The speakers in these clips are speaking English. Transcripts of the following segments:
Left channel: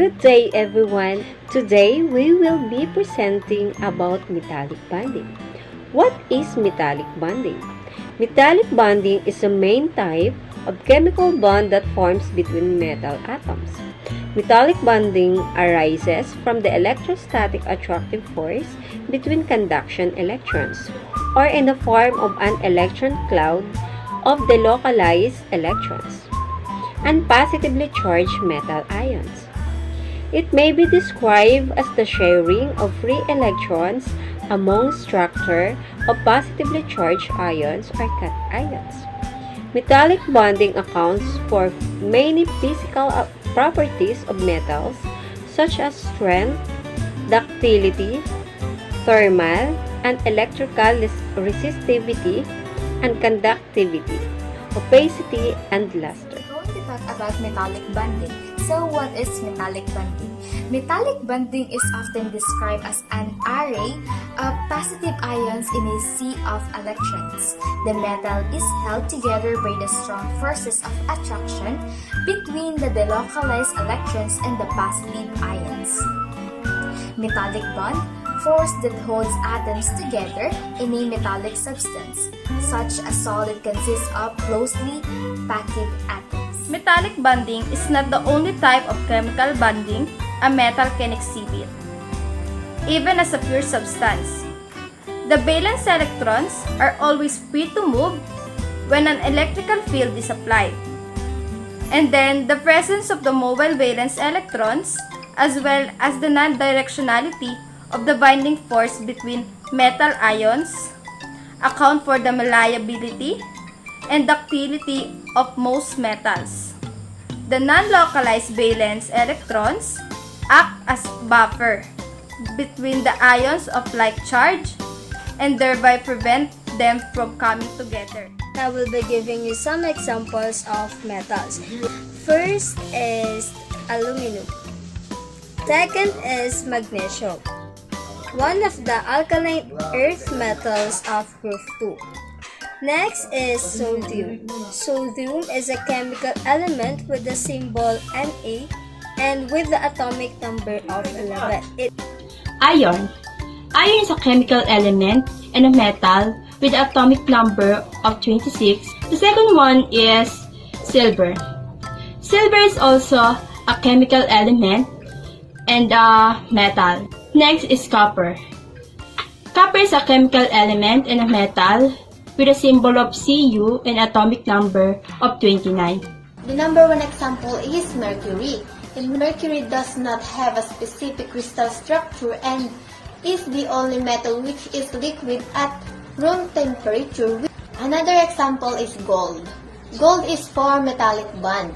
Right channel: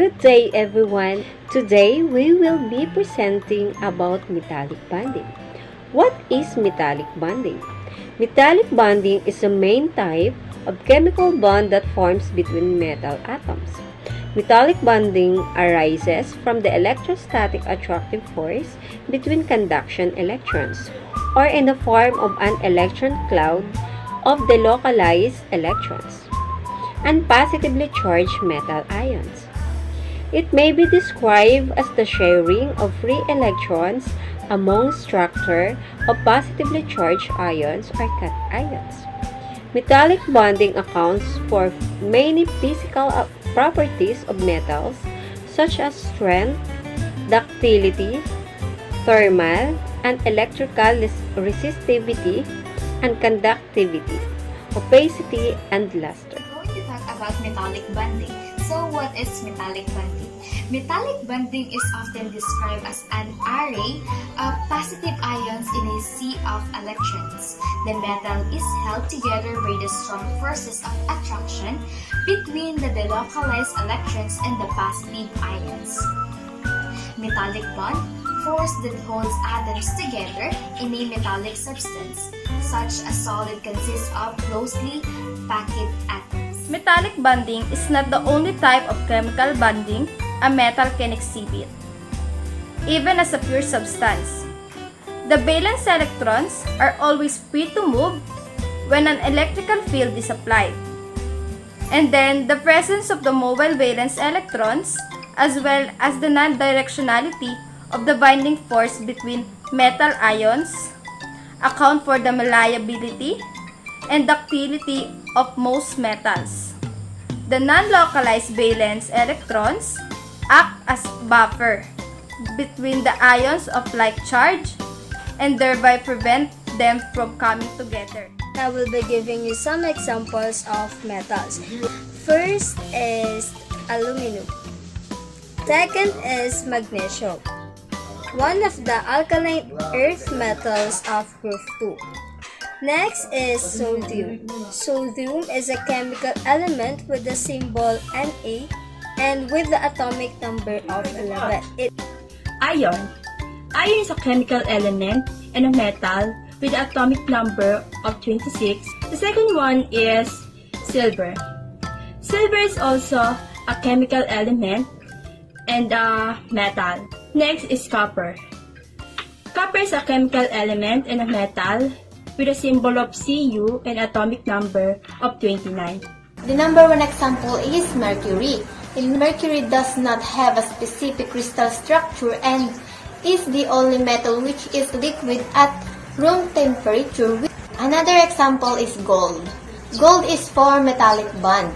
Good day everyone. Today we will be presenting about metallic bonding. What is metallic bonding? Metallic bonding is a main type of chemical bond that forms between metal atoms. Metallic bonding arises from the electrostatic attractive force between conduction electrons, or in the form of an electron cloud of delocalized electrons and positively charged metal ions. It may be described as the sharing of free electrons among structure of positively charged ions or cations. Metallic bonding accounts for many physical properties of metals such as strength, ductility, thermal and electrical resistivity, and conductivity, opacity, and luster. We're going to talk about metallic bonding. So what is metallic bonding? Metallic bonding is often described as an array of positive ions in a sea of electrons. The metal is held together by the strong forces of attraction between the delocalized electrons and the positive ions. Metallic bond, force that holds atoms together in a metallic substance. Such a solid consists of closely packed atoms. Metallic bonding is not the only type of chemical bonding a metal can exhibit, even as a pure substance. The valence electrons are always free to move when an electrical field is applied. And then the presence of the mobile valence electrons, as well as the non-directionality of the binding force between metal ions, account for the malleability and ductility of most metals. The non-localized valence electrons act as buffer between the ions of like charge and thereby prevent them from coming together. I will be giving you some examples of metals. First is aluminum. Second is magnesium, one of the alkaline earth metals of group 2. Next is sodium. Sodium is a chemical element with the symbol Na and with the atomic number of 11. Iron. Iron is a chemical element and a metal with the atomic number of 26. The second one is silver. Silver is also a chemical element and a metal. Next is copper. Copper is a chemical element and a metal with a symbol of Cu and atomic number of 29. The number one example is mercury. Mercury does not have a specific crystal structure and is the only metal which is liquid at room temperature. Another example is gold. Gold is for metallic bond.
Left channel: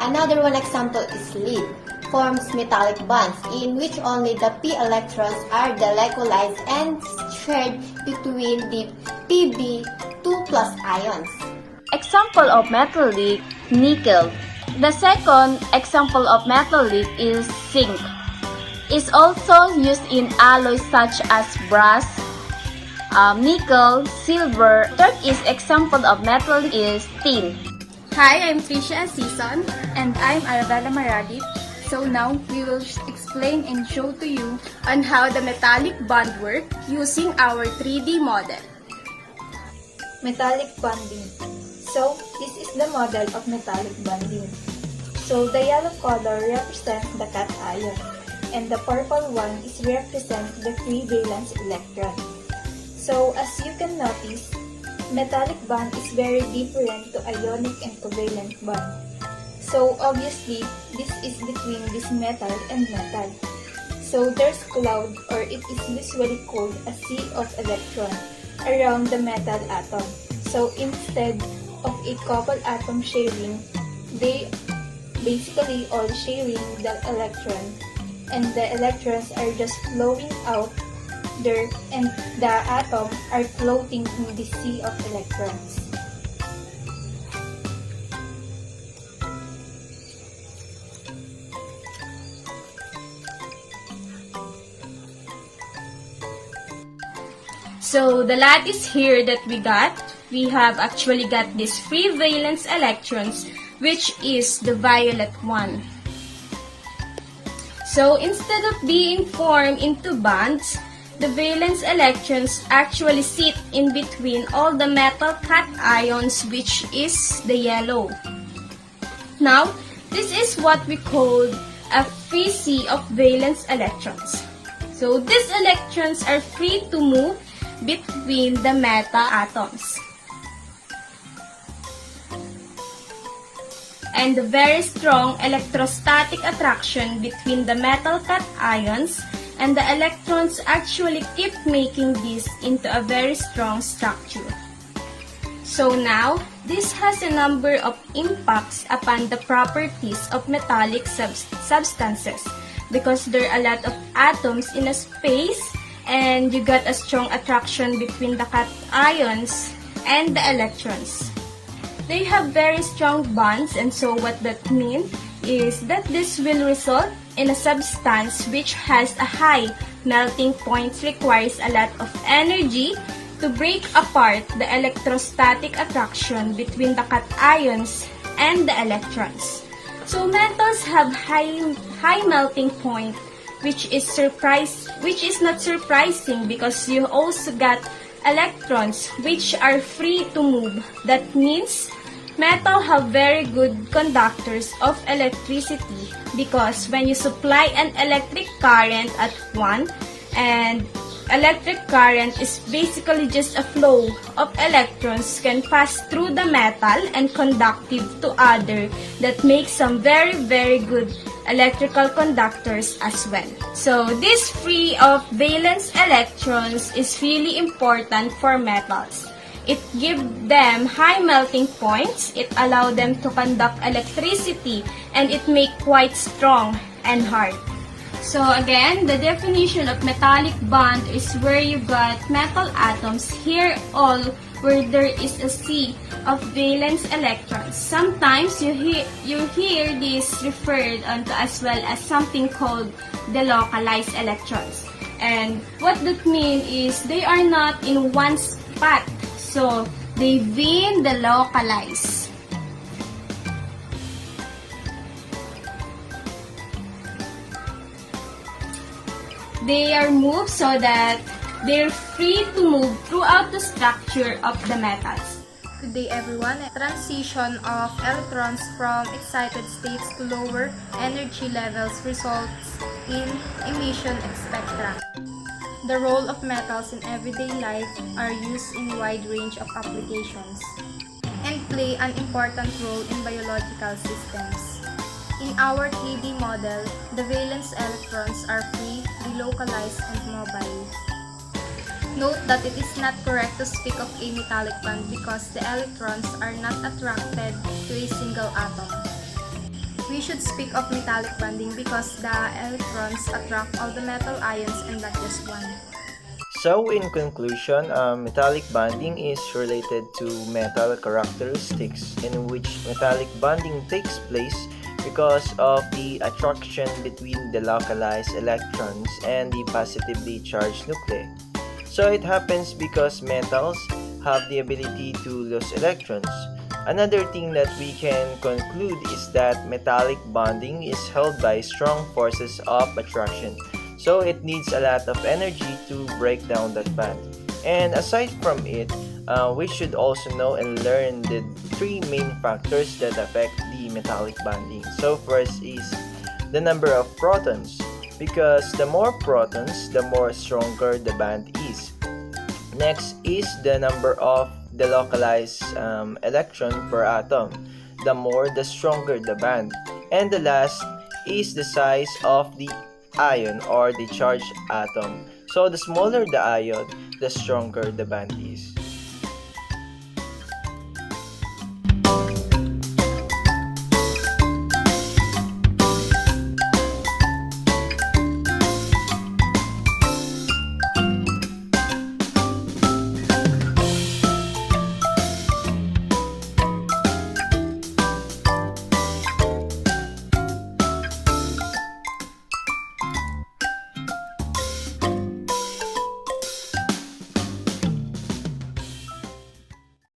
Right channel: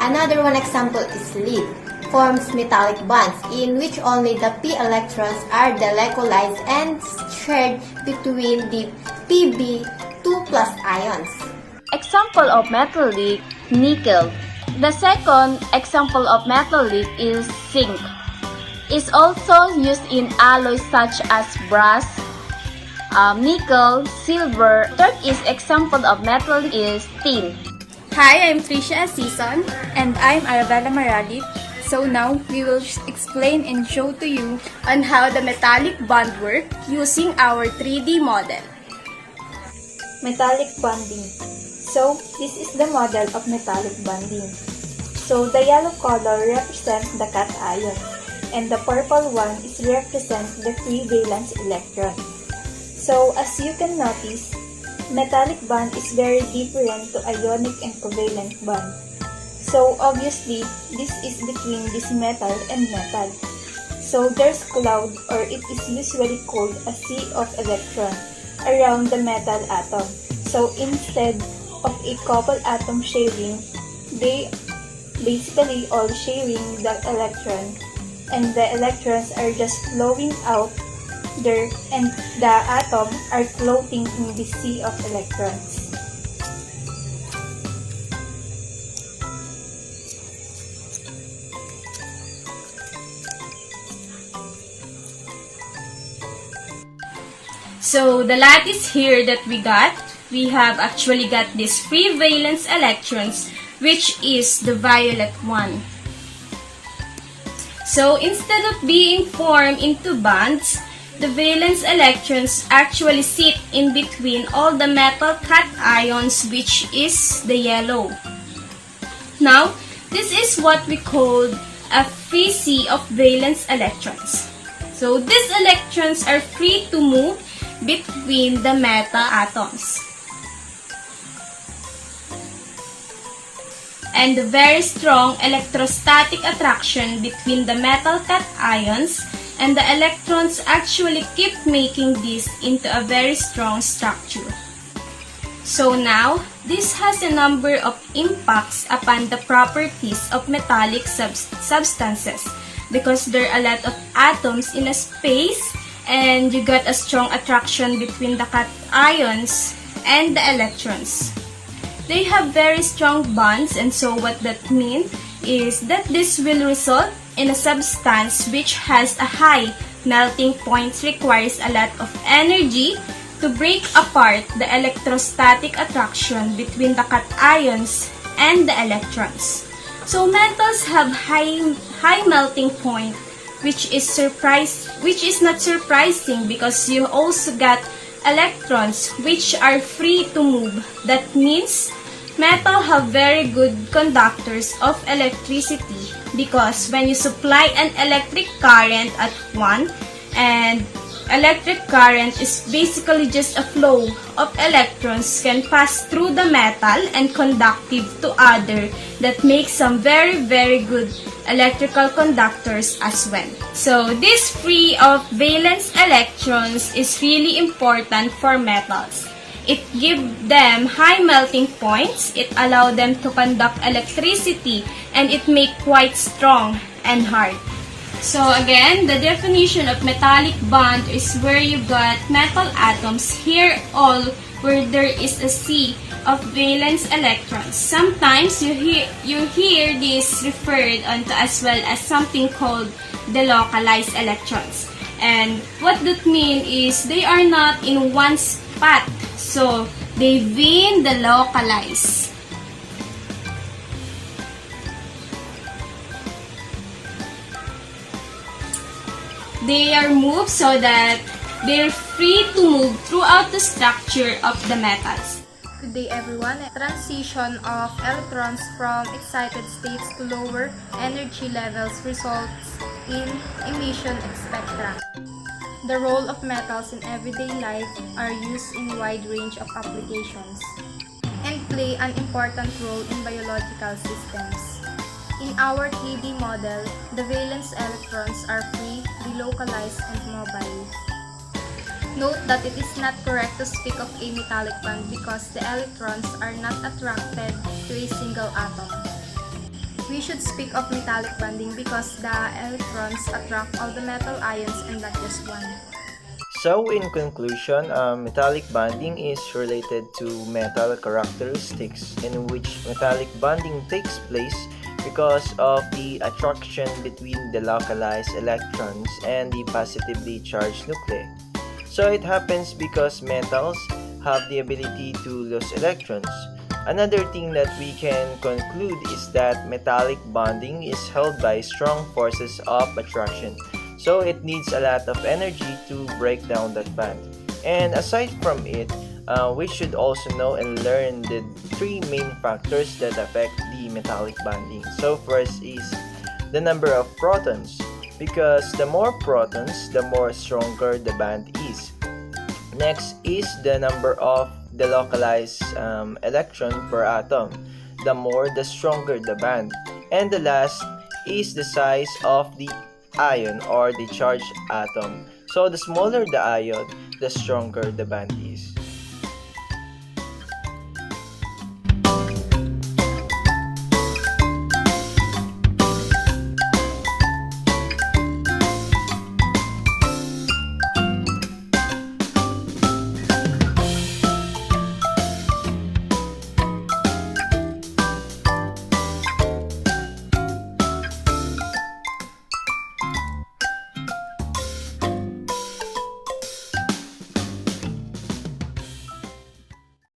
Another one example is lead. Forms metallic bonds in which only the p electrons are delocalized and shared between the Pb2+ ions. Example of metallic, nickel. The second example of metallic is zinc. It's also used in alloys such as brass, nickel, silver. Third is example of metallic is tin. Hi, I'm Tricia Asison. And I'm Arabella Maralip. So now we will explain and show to you on how the metallic bond work using our 3D model. Metallic bonding. So this is the model of metallic bonding. So the yellow color represents the cation and the purple one is represents the free valence electron. So as you can notice, metallic bond is very different to ionic and covalent bond. So obviously, this is between this metal and metal. So there's cloud, or it is usually called a sea of electrons around the metal atom. So instead of a couple atom sharing, they basically all sharing the electron, and the electrons are just flowing out there and the atom are floating in the sea of electrons. So the lattice here that we have actually got these free valence electrons, which is the violet one. So instead of being formed into bands, the valence electrons actually sit in between all the metal cations, which is the yellow. Now, this is what we call a free sea of valence electrons. So these electrons are free to move between the metal atoms. And the very strong electrostatic attraction between the metal cations and the electrons actually keep making this into a very strong structure. So now, this has a number of impacts upon the properties of metallic substances because there are a lot of atoms in a space and you got a strong attraction between the cations and the electrons. They have very strong bonds, and so what that means is that this will result in a substance which has a high melting point, requires a lot of energy to break apart the electrostatic attraction between the cations and the electrons. So metals have high melting point, which is not surprising because you also got electrons which are free to move. That means metal have very good conductors of electricity because when you supply an electric current at one, and electric current is basically just a flow of electrons can pass through the metal and conductive to other, that makes some very good electrical conductors as well. So this free of valence electrons is really important for metals. It gives them high melting points, it allows them to conduct electricity, and it make quite strong and hard. So again, the definition of metallic bond is where you got metal atoms here all where there is a sea of valence electrons. Sometimes you hear this referred onto as well as something called delocalized electrons. And what that means is they are not in one spot, so they've been delocalized. They are moved so that they're free to move throughout the structure of the metals. Good day everyone. Transition of electrons from excited states to lower energy levels results in emission spectra. The role of metals in everyday life are used in a wide range of applications and play an important role in biological systems. In our 3D model, the valence electrons are free, delocalized, and mobile. Note that it is not correct to speak of a metallic bond because the electrons are not attracted to a single atom. We should speak of metallic bonding because the electrons attract all the metal ions and not just one. So in conclusion, metallic bonding is related to metal characteristics in which metallic bonding takes place because of the attraction between the localized electrons and the positively charged nuclei. So it happens because metals have the ability to lose electrons. Another thing that we can conclude is that metallic bonding is held by strong forces of attraction. So it needs a lot of energy to break down that bond. And aside from it, we should also know and learn the three main factors that affect the metallic bonding. So first is the number of protons, because the more protons, the more stronger the bond is. Next is the number of the localized electron per atom. The more, the stronger the bond. And the last is the size of the ion or the charged atom. So the smaller the ion, the stronger the bond is.